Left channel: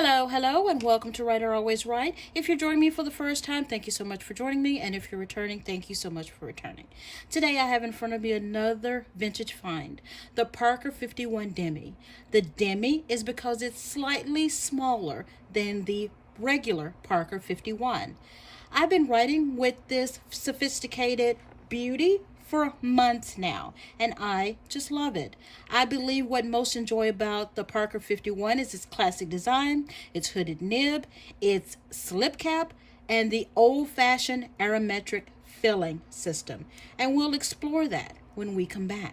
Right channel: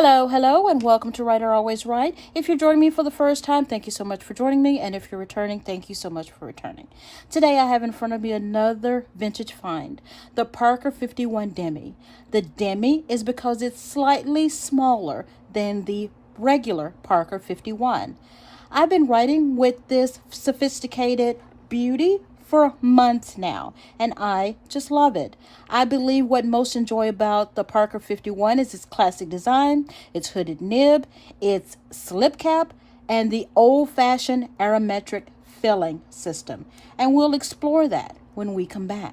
Hello, and welcome to Writer Always Right. If you're joining me for the first time, thank you so much for joining me, and if you're returning, thank you so much for returning. Today I have in front of me another vintage find, the Parker 51 Demi. The Demi is because it's slightly smaller than the regular Parker 51. I've been writing with this sophisticated beauty for months now, and I just love it. I believe what most enjoy about the Parker 51 is its classic design, its hooded nib, its slip cap, and the old-fashioned aerometric filling system. And we'll explore that when we come back.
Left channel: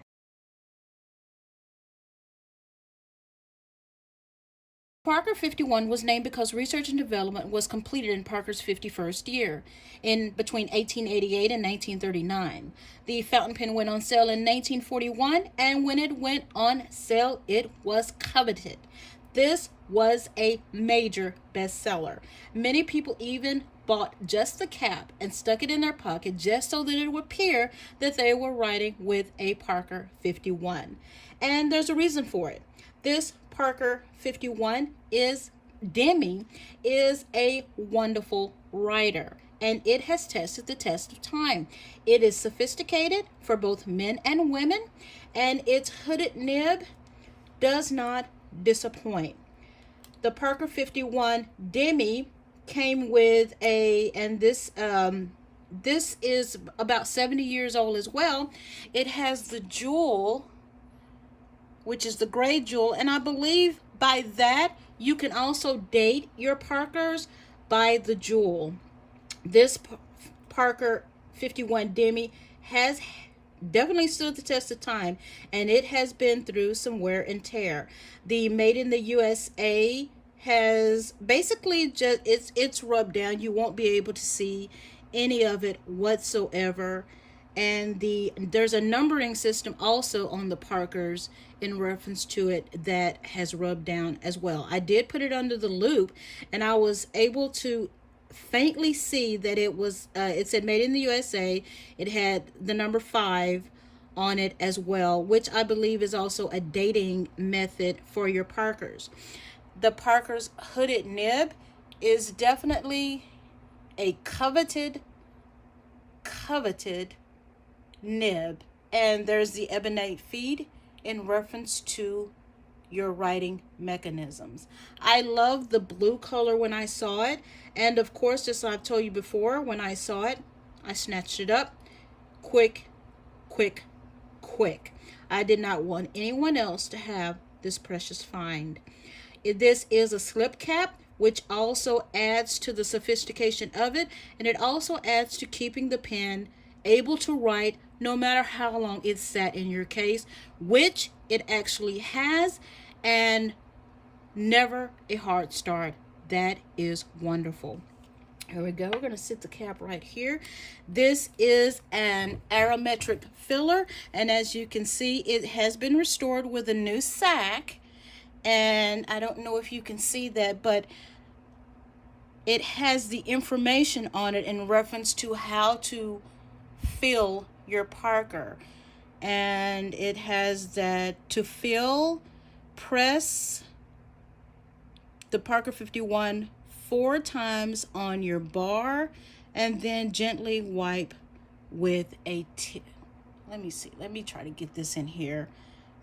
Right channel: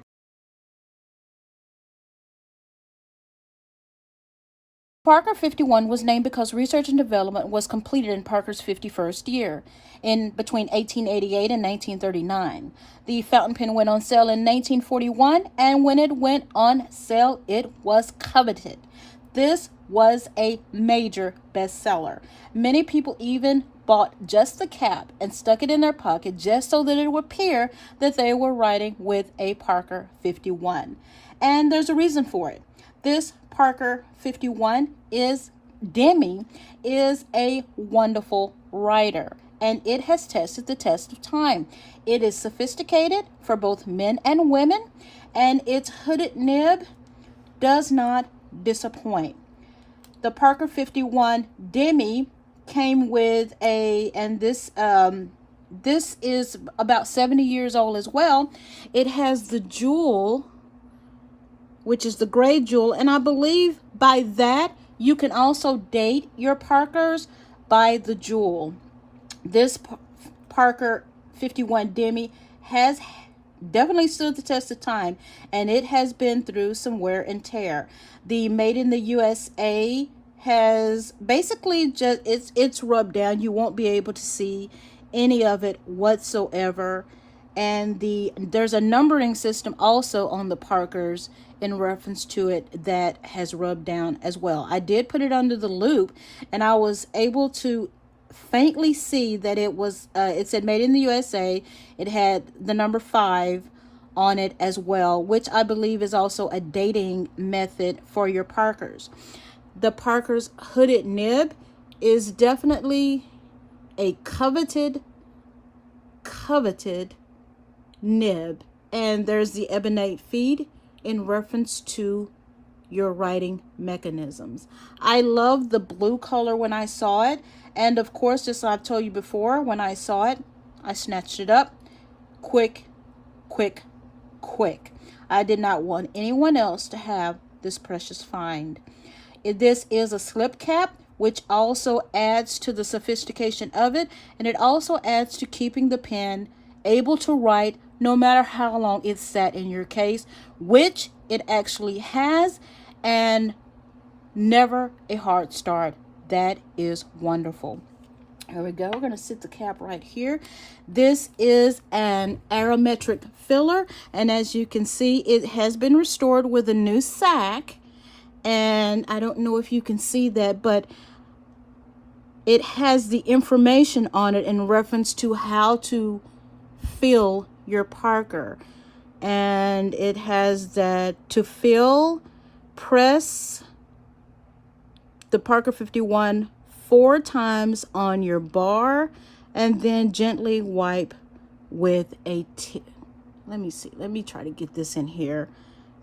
Parker 51 was named because research and development was completed in Parker's 51st year, in between 1888 and 1939. The fountain pen went on sale in 1941, and when it went on sale, it was coveted. This was a major bestseller. Many people even bought just the cap and stuck it in their pocket just so that it would appear that they were writing with a Parker 51. And there's a reason for it. This Parker 51 Demi is a wonderful writer, and it has tested the test of time. It is sophisticated for both men and women, and its hooded nib does not disappoint. The Parker 51 Demi came with and this is about 70 years old as well. It has the jewel, which is the gray jewel, and I believe by that you can also date your Parkers by the jewel. This Parker 51 Demi has definitely stood the test of time, and it has been through some wear and tear. The Made in the USA has basically just it's rubbed down. You won't be able to see any of it whatsoever. And there's a numbering system also on the Parkers in reference to it that has rubbed down as well. I did put it under the loop, and I was able to faintly see that it said Made in the USA. It had the number 5 on it as well, which I believe is also a dating method for your Parkers. The Parker's hooded nib is definitely a coveted nib, and there's the ebonite feed in reference to your writing mechanisms. I love the blue color when I saw it, and of course, just like I've told you before, when I saw it, I snatched it up quick. I did not want anyone else to have this precious find. This is a slip cap, which also adds to the sophistication of it, and it also adds to keeping the pen able to write no matter how long it's sat in your case, which it actually has, and never a hard start. That is wonderful. Here we go. We're going to sit the cap right here. This is an aerometric filler, and as you can see, it has been restored with a new sack, and I don't know if you can see that, but it has the information on it in reference to how to fill your Parker, and it has that to fill, press the Parker 51 4 times on your bar, and then gently wipe with a let me try to get this in here.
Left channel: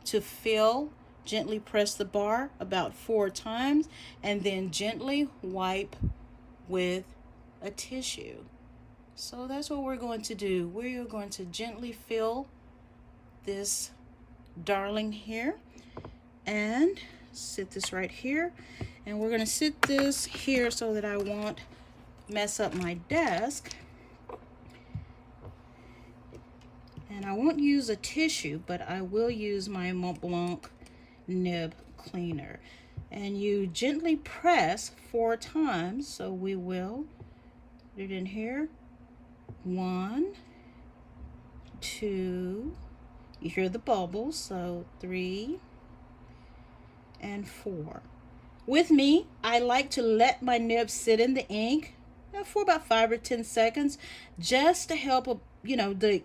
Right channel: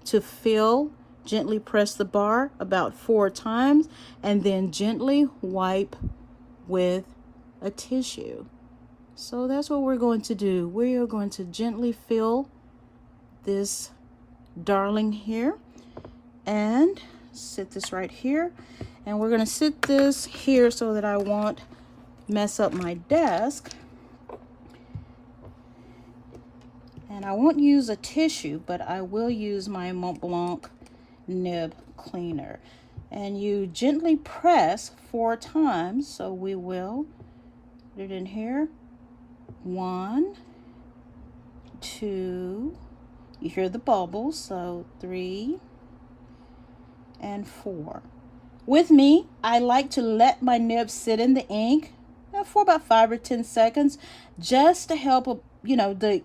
To fill, gently press the bar about 4 times, and then gently wipe with a tissue. So that's what we're going to do. We are going to gently fill this darling here, and sit this right here, and we're going to sit this here so that I won't mess up my desk. And I won't use a tissue, but I will use my Mont Blanc nib cleaner, and you gently press 4 times. So we will put it in here. 1, 2, you hear the bubbles, so 3 and 4. With me, I like to let my nib sit in the ink for about 5 or 10 seconds, just to help the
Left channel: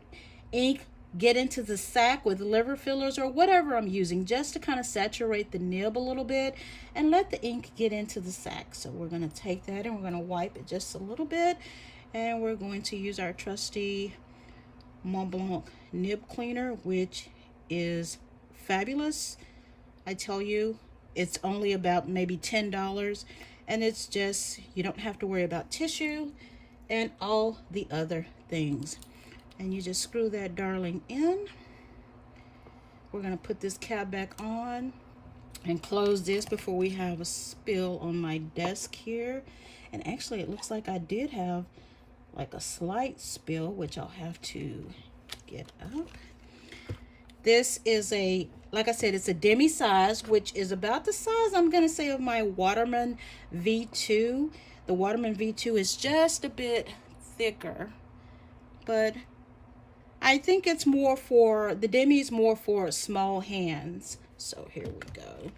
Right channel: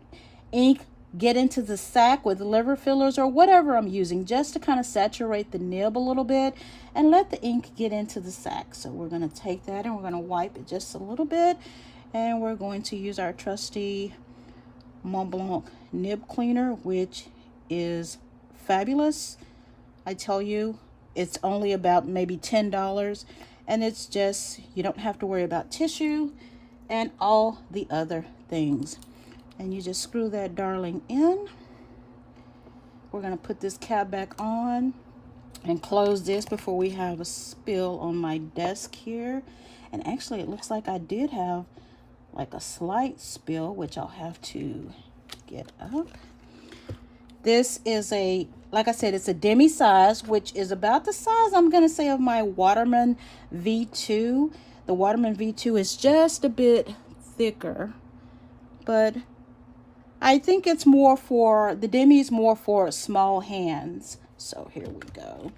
ink get into the sack with liver fillers or whatever I'm using, just to kind of saturate the nib a little bit and let the ink get into the sack. So we're going to take that and we're going to wipe it just a little bit, and we're going to use our trusty Mont Blanc nib cleaner, which is fabulous. I tell you, it's only about maybe $10, and it's just, you don't have to worry about tissue and all the other things. And you just screw that darling in. We're going to put this cap back on and close this before we have a spill on my desk here. And actually, it looks like I did have like a slight spill, which I'll have to get up. This is a, like I said, it's a demi size, which is about the size, I'm going to say, of my Waterman V2. The Waterman V2 is just a bit thicker, but I think it's more for, the demi is more for small hands. So here we go.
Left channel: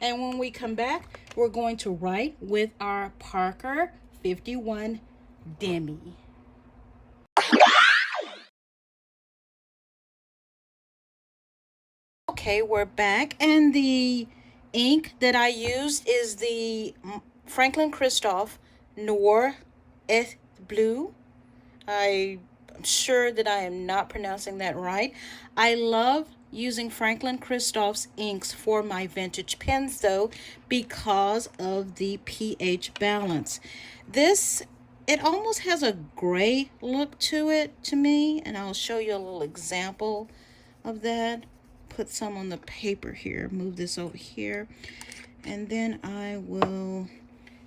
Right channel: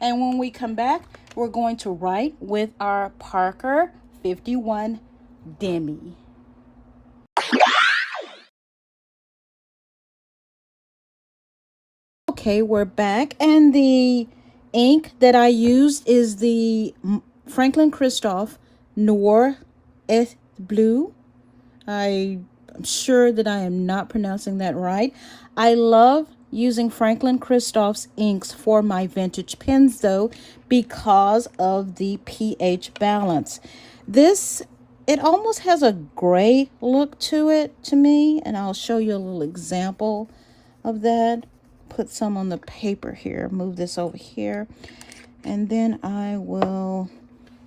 And when we come back, we're going to write with our Parker 51 Demi. Okay, we're back, and the ink that I used is the Franklin Christoph Noir et Bleu. I'm sure that I am not pronouncing that right. I love using Franklin Christoph's inks for my vintage pens, though, because of the pH balance. This, it almost has a gray look to it to me, and I'll show you a little example of that. Put some on the paper here, move this over here, and then I will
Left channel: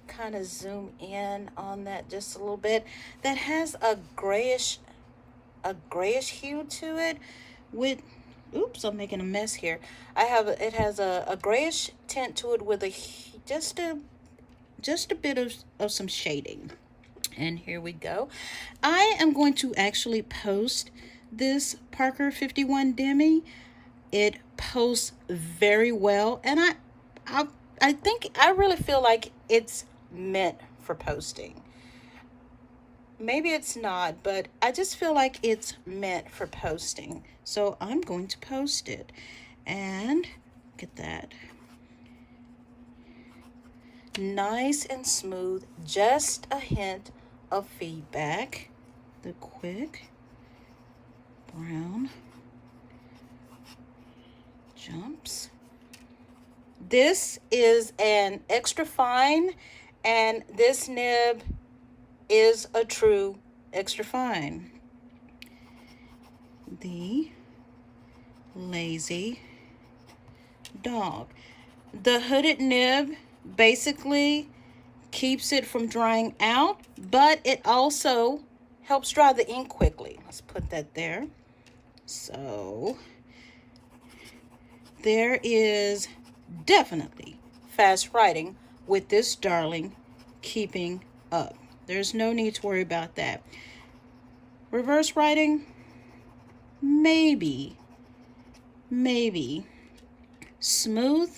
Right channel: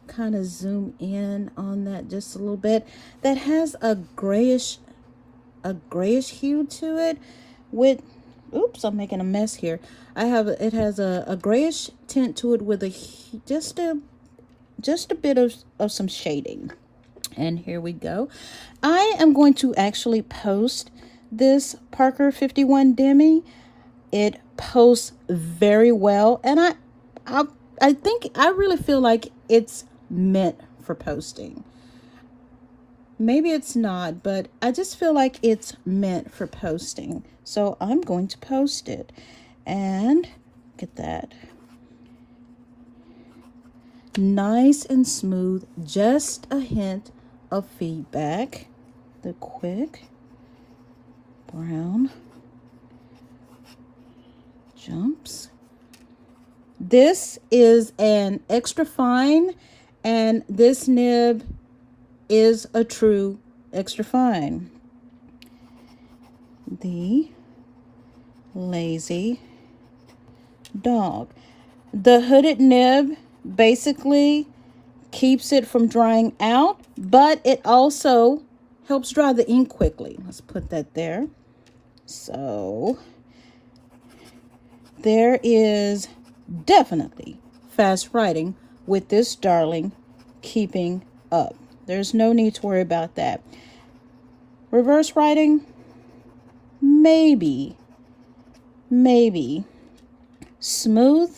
kind of zoom in on that just a little bit. That has a grayish hue to it with, oops, I'm making a mess here. It has a grayish tint to it with just a bit of some shading. And here we go. I am going to actually post this Parker 51 Demi. It posts very well, and I think, I really feel like it's meant for posting. Maybe it's not, but I just feel like it's meant for posting. So I'm going to post it, and get that. Nice and smooth, just a hint of feedback. The quick brown jumps. This is an extra fine, and this nib is a true extra fine. The Lazy Dog. The hooded nib basically keeps it from drying out, but it also helps dry the ink quickly. Let's put that there. So there is definitely fast writing with this darling keeping up. There's no need to worry about that. Reverse writing, maybe. Smooth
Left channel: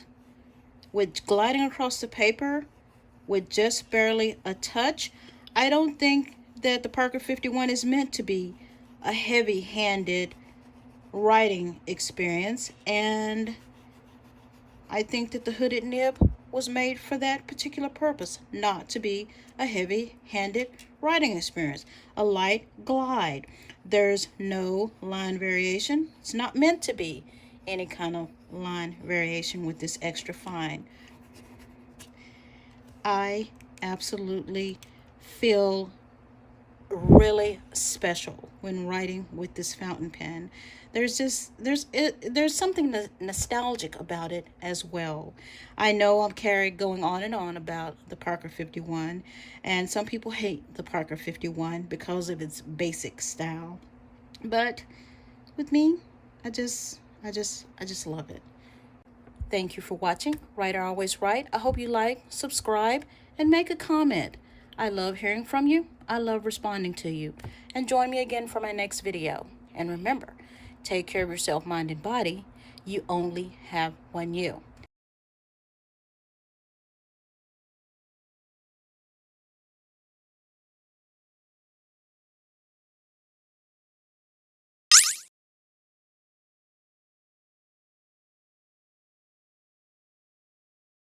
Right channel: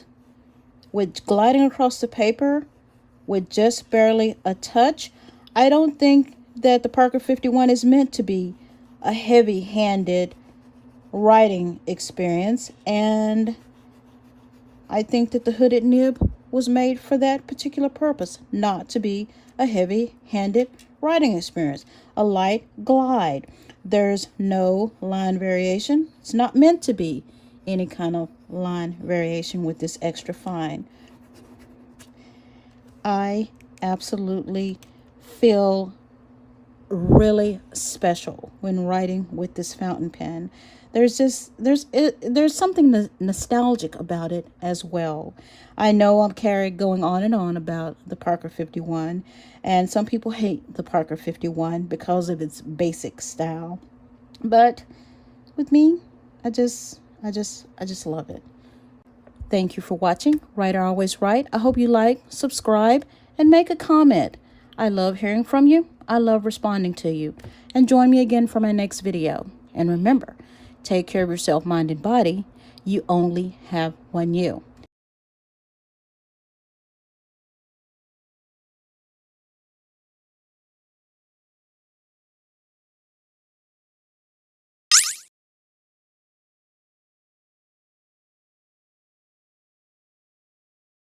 with gliding across the paper with just barely a touch. I don't think that the Parker 51 is meant to be a heavy-handed writing experience, and I think that the hooded nib was made for that particular purpose, not to be a heavy-handed writing experience. A light glide. There's no line variation. It's not meant to be any kind of line variation with this extra fine. I absolutely feel really special when writing with this fountain pen. There's something nostalgic about it as well. I know I'm going on and on about the Parker 51, and some people hate the Parker 51 because of its basic style, but with me, I just love it. Thank you for watching. Writer Always Right. I hope you like, subscribe, and make a comment. I love hearing from you. I love responding to you. And join me again for my next video. And remember, take care of yourself, mind, and body. You only have one you.